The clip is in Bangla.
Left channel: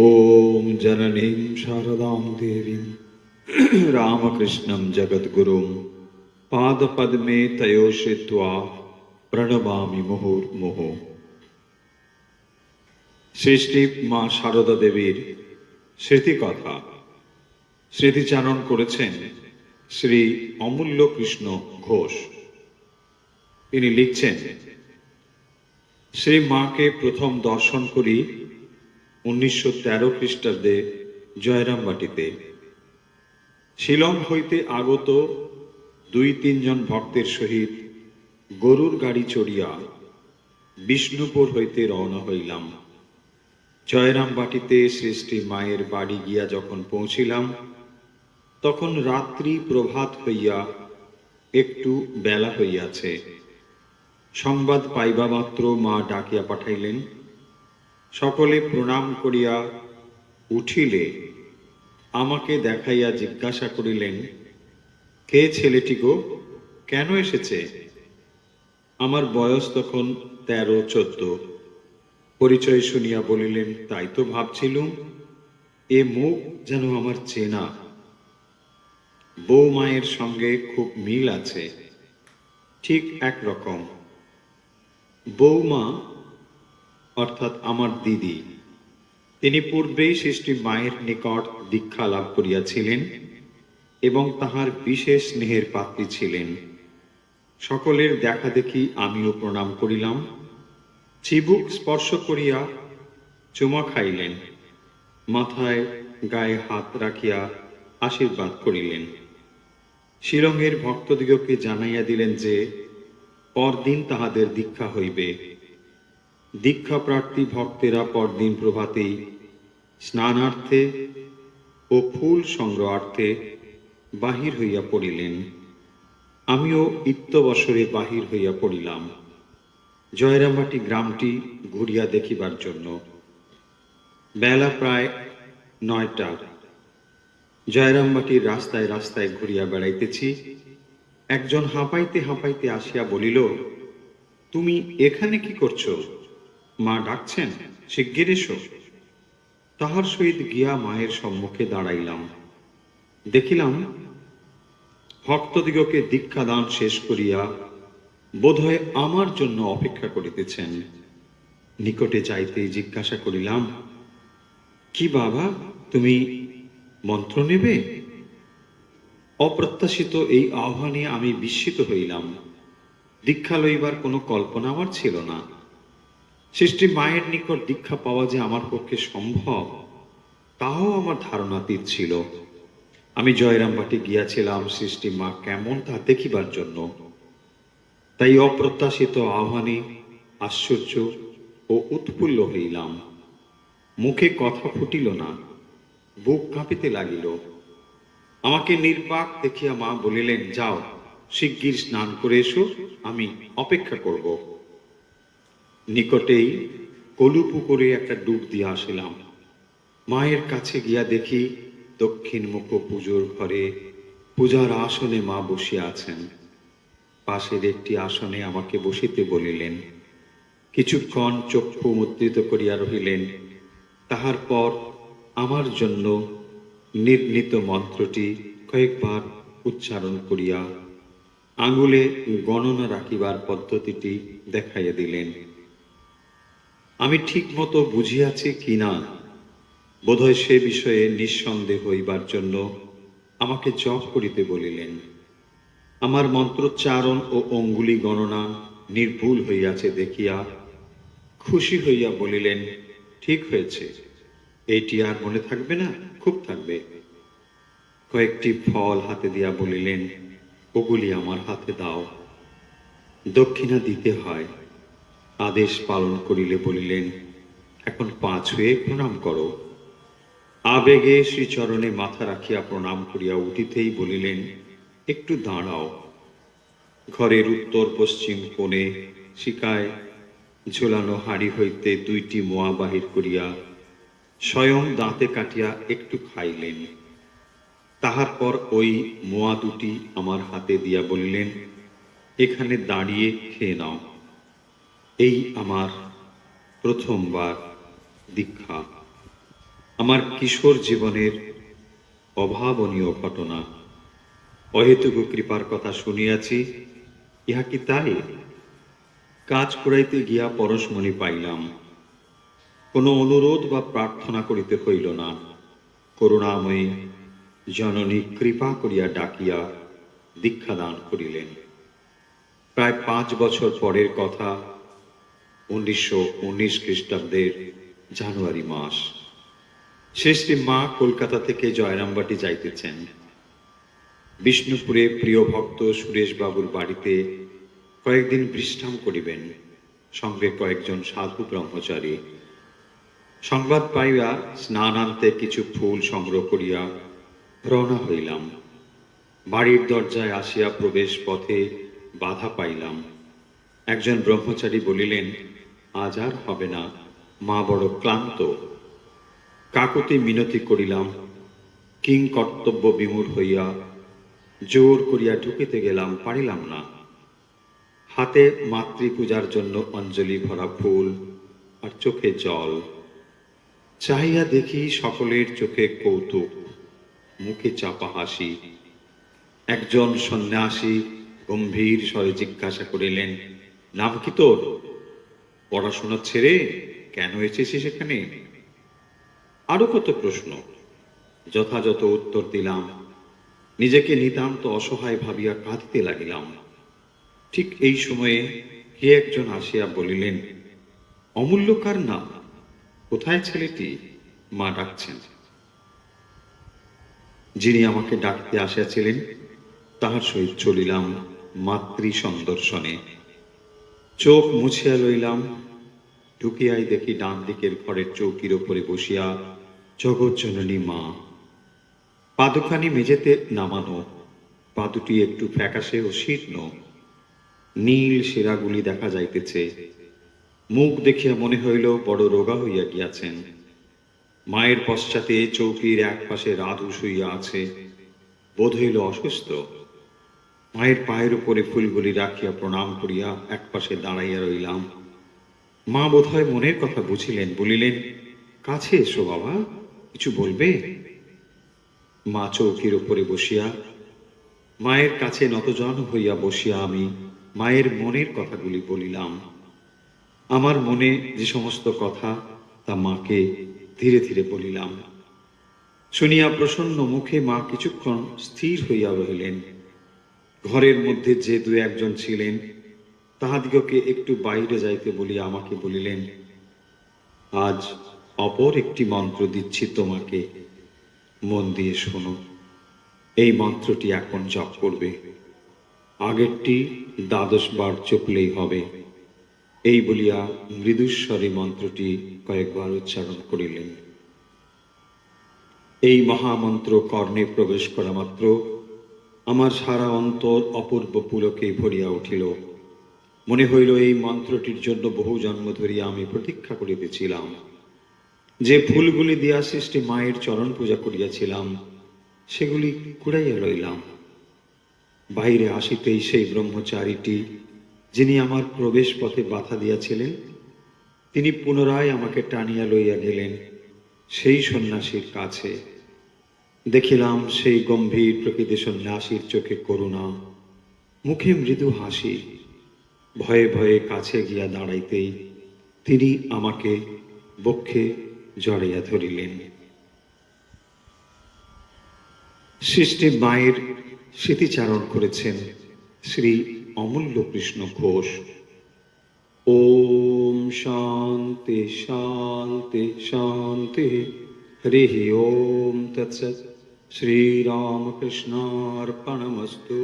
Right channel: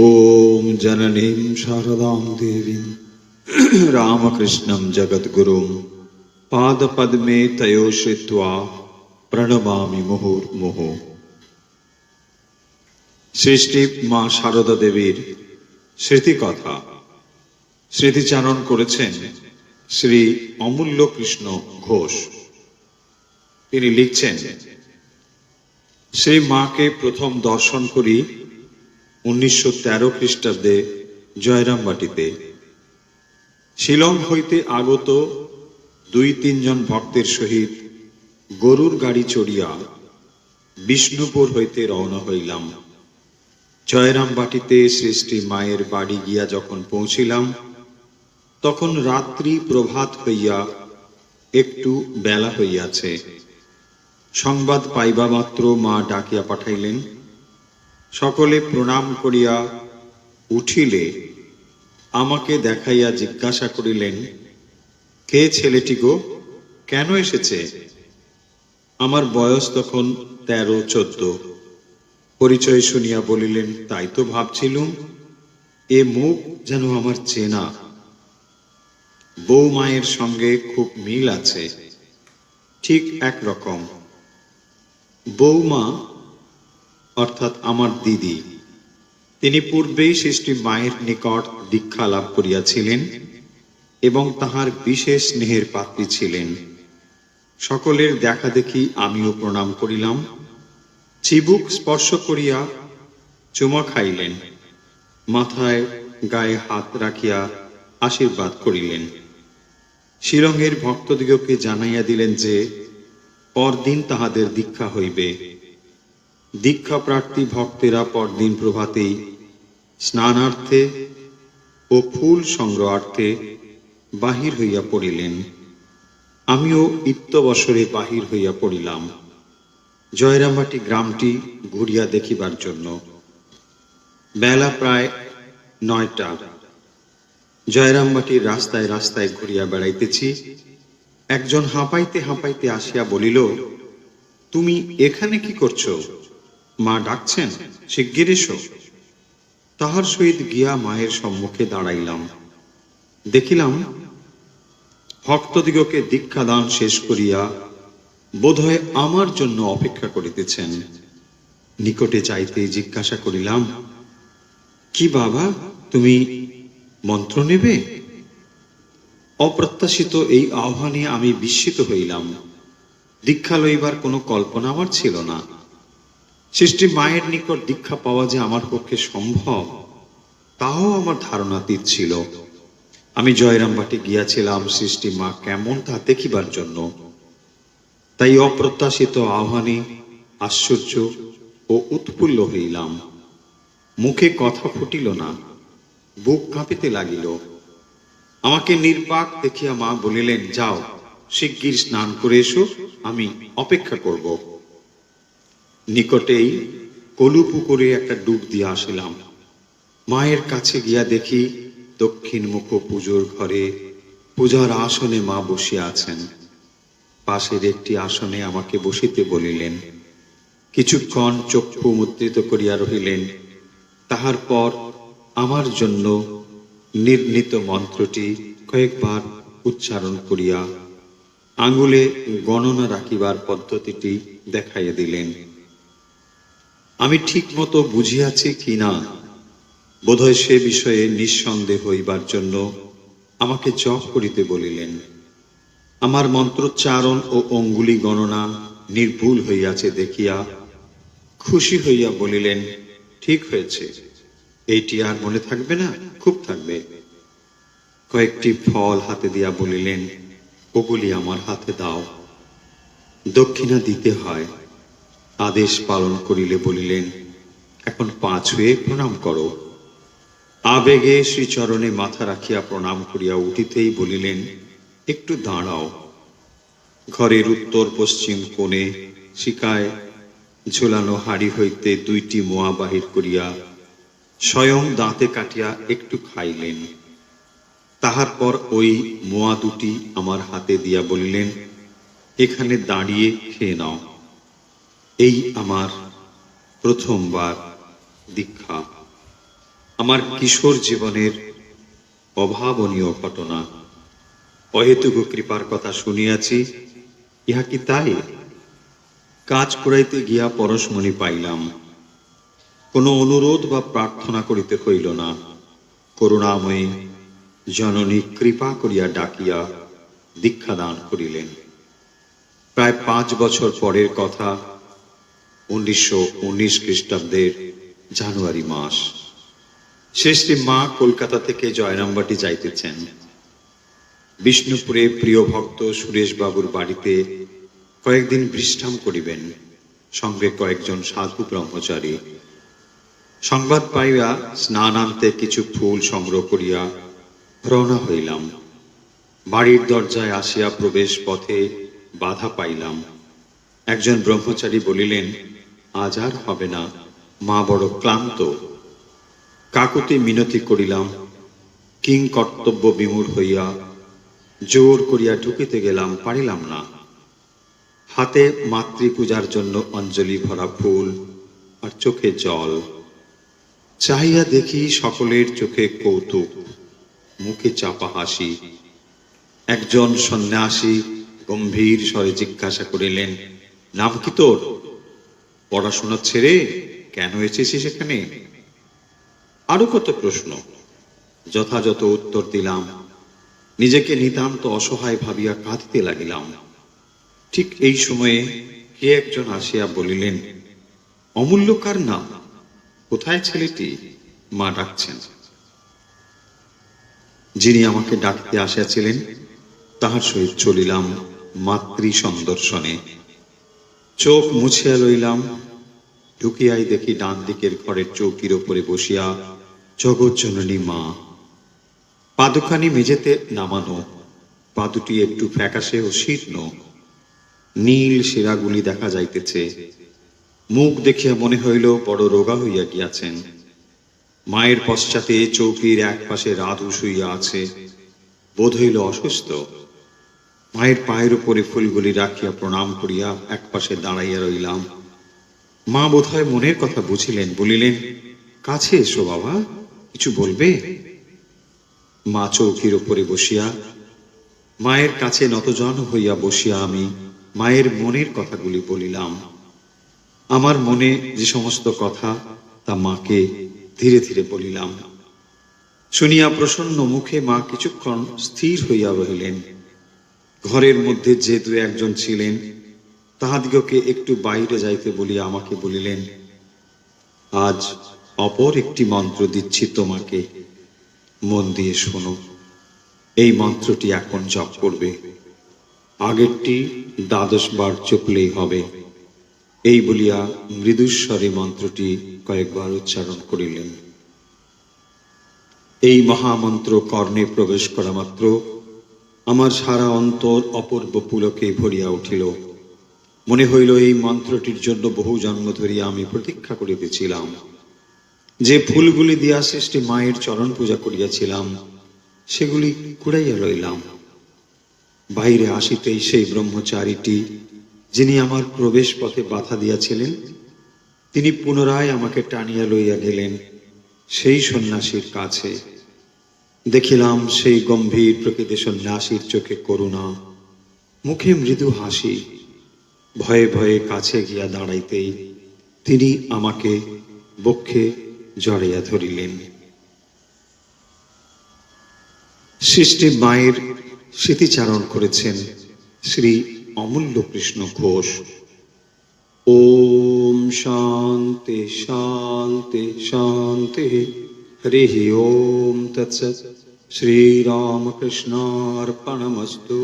ॐ जननीं शारदां देवीं रामकृष्णं जगद्गुरुं पादपद्मे तयो श्रित्वा प्रणमामि मुहुर्मुहुः। সৃষ্টি মা শারদা দেবীর স্মৃতিকথা স্মৃতিচারণ করেছেন শ্রী অমূল্য কৃষ্ণ ঘোষ। তিনি লিখছেন, সেই মাকে প্রথম দর্শন করি 1913 খ্রিস্টাব্দে জয়রামবাটিতে। শিলং হইতে আগত 2-3 জন ভক্তের সহিত গরুর গাড়ি চড়িয়া বিষ্ণুপুর হইতে রওনা হইলাম। জয়রামবাটিতে সৃষ্টি মায়ের বাড়ি গিয়া যখন পৌঁছিলাম, তখন রাত্রি প্রভাত হইয়া একটু বেলা হইয়াছে। সংবাদ পাইবা মাত্র মা ডাকিয়া পাঠাইলেন। সকলে প্রণাম করিয়া উঠিলে আমাকে দেখাইয়া জিজ্ঞাসা করিলেন, কে ছেলেটি গো, কেন এসেছে? আমার বয়স তখন 13-14। পরিচয় শুনিয়া বলিলেন, তাই তো ভাবছিলুম, এ মুখ যেন আমার চেনা। বউ মায়ের সঙ্গে খুব মিল আছে, ঠিক একরকম। বৌমা অর্থাৎ আমার দিদি, তিনি পূর্বেই সৃষ্টি মায়ের নিকট দীক্ষা লাভ করিয়াছিলেন এবং তাহার বিশেষ স্নেহের পাত্রী ছিলেন। সকলের দেখা দেখি আমিও প্রণাম করিলাম। চিবুক স্পর্শ করিয়া চুমা খাইলেন, মাথায় গায়ে হাত রাখিয়া আশীর্বাদ করিলেন। শিলংয়ের ভক্তদিগকে জানাইয়া দিলেন যে পরদিন তাহাদের দীক্ষা হইবে। দীক্ষা প্রার্থী ভক্তেরা পরদিন প্রভাতেই স্নানার্থে ও ফুল সংগ্রহার্থে বাহির হইয়া পড়িলেন। আমিও ইত্যবসরে বাহির হইয়া পড়িলাম জয়রামবাটি গ্রামটি ঘুরিয়া দেখিবার জন্য। বেলা প্রায় 9টা। জয়রামবাটির রাস্তায় রাস্তায় ঘুরিয়া বেড়াইতেছি। একজন হাঁপাইতে হাঁপাইতে আসিয়া বলিল, তুমি এখানে কি করছো? মা ডাকছেন, শিগগির এসো। তাহার সহিত গিয়া মায়ের সম্মুখে দাঁড়াইলাম। দেখিলাম ভক্তদিগকে দীক্ষাদান শেষ করিয়া বোধহয় আমার জন্য অপেক্ষা করিতেছেন। নিকটে যাইতে জিজ্ঞাসা করিলাম, কি বাবা, তুমি মন্ত্র নেবে? অপ্রত্যাশিত এই আহ্বানে আমি বিস্মিত হইলাম। দীক্ষা লইবার কোনো কল্পনা আমার ছিল না। সৃষ্টি মায়ের নিকট দীক্ষা পাওয়া যে আমার পক্ষে সম্ভব, তাও আমার ধারণাতীত ছিল। আমি জয়রামবাটি গিয়াছিলাম সৃষ্টি মা কেমন তা দেখিবার জন্য। তাই অপ্রত্যাশিত আহ্বানে আশ্চর্য ও উৎফুল্ল হইলাম। মুখে কথা ফুটিল না, বুক কাঁপিতে লাগিল। আমাকে নির্বাক দেখিয়া মা বলিলেন, যাও, শিগগির স্নান করে এসো, আমি অপেক্ষা করব। নিকটেই কলু পুকুরে একটা ডুব দিয়ে আসিলাম। মায়ের কাছে গিয়া দেখি দক্ষিণ মুখ পুজোর ঘরে পূজার আসনে মা বসিয়া আছেন। পাশের একটি আসনে আমাকে বসিতে বলিলেন। কিছুক্ষণ চক্ষু মুদ্রিত করিয়া রহিলেন। তাহার পর আমার জন্য নির্ণীত মন্ত্রটি কয়েকবার উচ্চারণ করিয়া আঙুলে গণনা রাখিবার পদ্ধতিটি দেখাইয়া দিলেন। আমি ঠিক মতো বুঝিয়াছি কিনা বোধহয় সে বিষয়ে নিঃসন্দেহ হইবার জন্য আমাকে জপ করিতে বলিলেন। আমার মন্ত্রোচ্চারণ ও অঙ্গুলি গণনা নির্ভুল হইয়াছে দেখিয়া খুশি হইয়া বলিলেন, ঠিক হয়েছে, এইটি আর মনে থাকবে না? খুব থাকবে। কয়েকটি ফল হাতে দিয়া বলিলেন, ওগুলি আমার হাতে দাও, দক্ষিণা দিতে হয়। আদেশ পালন করিলে বলিলেন, এখন পা ছুঁয়ে প্রণাম করো। আবেগে শ্রীচরণে মাথা রাখিয়া প্রণাম করিয়া উঠিতেই বলিলেন, একটু দাঁড়াও। ঘরের উত্তর পশ্চিম কোণে শিকায় ঝোলানো হাড়ি হইতে 2টি মোয়া বাহির করিয়া স্বয়ং দাঁতে কাটিয়া একটু খাইলেন। তাহার পর ওই মোয়া 2টি আমার হাতে দিয়া বলিলেন, এখানে দাঁড়িয়ে খেয়ে নাও। এই আমার প্রথমবার দীক্ষা। আমার কিশোর জীবনের অভাবনীয় ঘটনা, অহেতুক কৃপার কথা শুনিয়াছি, ইহা কি তাই? কাজ করাইতে গিয়া পরশমণি পাইলাম, কোনো অনুরোধ বা প্রার্থনা করিতে হইল না। করুণাময়ী জননী কৃপা করিয়া ডাকিয়া দীক্ষাদান করিলেন। প্রায় 5 বছর পরের কথা, 1919 খ্রিস্টাব্দের জানুয়ারি মাস। শ্রী মা কলকাতা থেকে জয়রামবাটি যাইতেছেন। বিষ্ণুপুরে প্রিয় ভক্ত সুরেশ বাবুর বাড়িতে কয়েকদিন বিশ্রাম করিবেন, সঙ্গে কয়েকজন সাধু ব্রহ্মচারী। সংবাদ পাইয়া স্নানান্তে কিছু ফুল সংগ্রহ করিয়া রওনা হইলাম। বাড়ির দরজায় আসিয়া প্রবেশ পথে বাধা পাইলাম। একজন ব্রহ্মচারী বলিলেন, আজ আর হবে না, মা বড় ক্লান্ত। কাকুতি মিনতি করিলাম। কিং কর্তব্য বিমূঢ় হইয়া জোর করিয়া ঢুকিতে গেলাম, পারিলাম না। হাতে মাতৃপূজার জন্য অঞ্জলি ভরা ফুল আর চোখে জল। চাহিয়া দেখি সকলের চোখে কৌতুক, মুখে চাপা হাসি। একজন সন্ন্যাসী গম্ভীর স্বরে জিজ্ঞাসা করিলেন, নাম কি তোর? পড়াশোনা ছেড়ে কেন এসেছিস এখানে? আরো কত প্রশ্ন, যথাযথ উত্তর দিলাম। নিজেকে নিতান্ত অসহায় ভাবিয়া কাঁদিতে লাগিলাম। ঠিক এই সময়ে কে একজন আসিয়া বলিলেন, অমূল্য কার নাম? কোথায় ছেলেটি? মা ডাকছেন। যিনি আমাকে ডাকতে আসিয়াছিলেন তাহার সহিত চলিলাম মাতৃ সন্দর্শনে। চোখ মুছিয়া লইলাম। ঢুকিয়াই দেখি ডান দিকের ঘরের চৌকির ওপরে বসিয়া জগৎজননী মা। পাদুখানি মেঝেতে নামানো, পাদুটি একটু ফ্যাকাশে ও শীর্ণ, নীল শিরাগুলি দেখা যাইতেছে। মুখ দেখিয়া মনে হইল বড় রোগা হইয়া গিয়াছেন। মায়ের পশ্চাতে চৌকির এক পাশে রাধু শুইয়া আছে, বোধ হইল অসুস্থ। মায়ের পায়ের উপরে ফুলগুলি রাখিয়া প্রণাম করিয়া এক পাশে দাঁড়াইয়া রইলাম। মা বোধহয় মনের কথা বুঝিলেন, বলিলেন, কাছে এসো বাবা, কিছু বলবে? মা চৌকির উপরে বসিয়া, মায়ের কাছে নতজন হইয়া বসিয়া আমি মায়ের মনের কথাগুলি বলিলাম। আমার মনে যে সমস্ত কথা, তা মাকে ধীরে ধীরে বলিলাম। শুনিয়া প্রসন্ন মুখে মা কিছুক্ষণ স্থির হইয়া রহিলেন। ঘরের মধ্যে যে 2-1 জন ছিলেন, তাহাদিগকে একটু বাইরে যাইতে বলিয়া আমাকে বলিলেন, আজ অপর একটি মন্ত্র দিচ্ছি তোমাকে, মন দিয়ে শোনো। এই মন্ত্রটি এখন জপ করবে, আগেরটি 12 বার জপলেই হবে। এই বলিয়া মৃদুস্বরে মন্ত্রটি কয়েকবার উচ্চারণ করিলেন। এই মহামন্ত্র কর্ণে প্রবেশ করা মাত্র আমার সারা অন্তর অপূর্ব পুলকে ভরিয়া উঠিল। মনে হইল এই মন্ত্রটির জন্য বহু জন্ম ধরিয়া আমি প্রতীক্ষা করিতেছিলাম। যে ফুলগুলি দিয়া সৃষ্টি মায়ের চরণ পূজা করিয়াছিলাম, সেগুলি কুড়াইয়া লইলাম। বাইরে আসিতেই সেই ব্রহ্মচারীটি, যিনি আমার প্রবেশ পথে বাধা দিয়াছিলেন, তিনি পুনরায় আমাকে টানিয়া লইয়া গেলেন সেই সন্ন্যাসীর কাছে। দেখিলাম সেই গম্ভীর প্রকৃতি সন্ন্যাসীর চোখে করুণা, মুখে মৃদু হাসি। ভয়ে ভয়ে কাছে গিয়া দাঁড়াইতেই তিনি আমাকে বক্ষে জড়াইয়া ধরিলেন। সৃষ্টি মায়ের স্মৃতিচারণ করেছেন শ্রী অমূল্য কৃষ্ণ ঘোষ। ওম শান্তি শান্তি শান্তি। হরি ওম তৎসৎ। শ্রীরামকৃষ্ণার্পণমস্তু।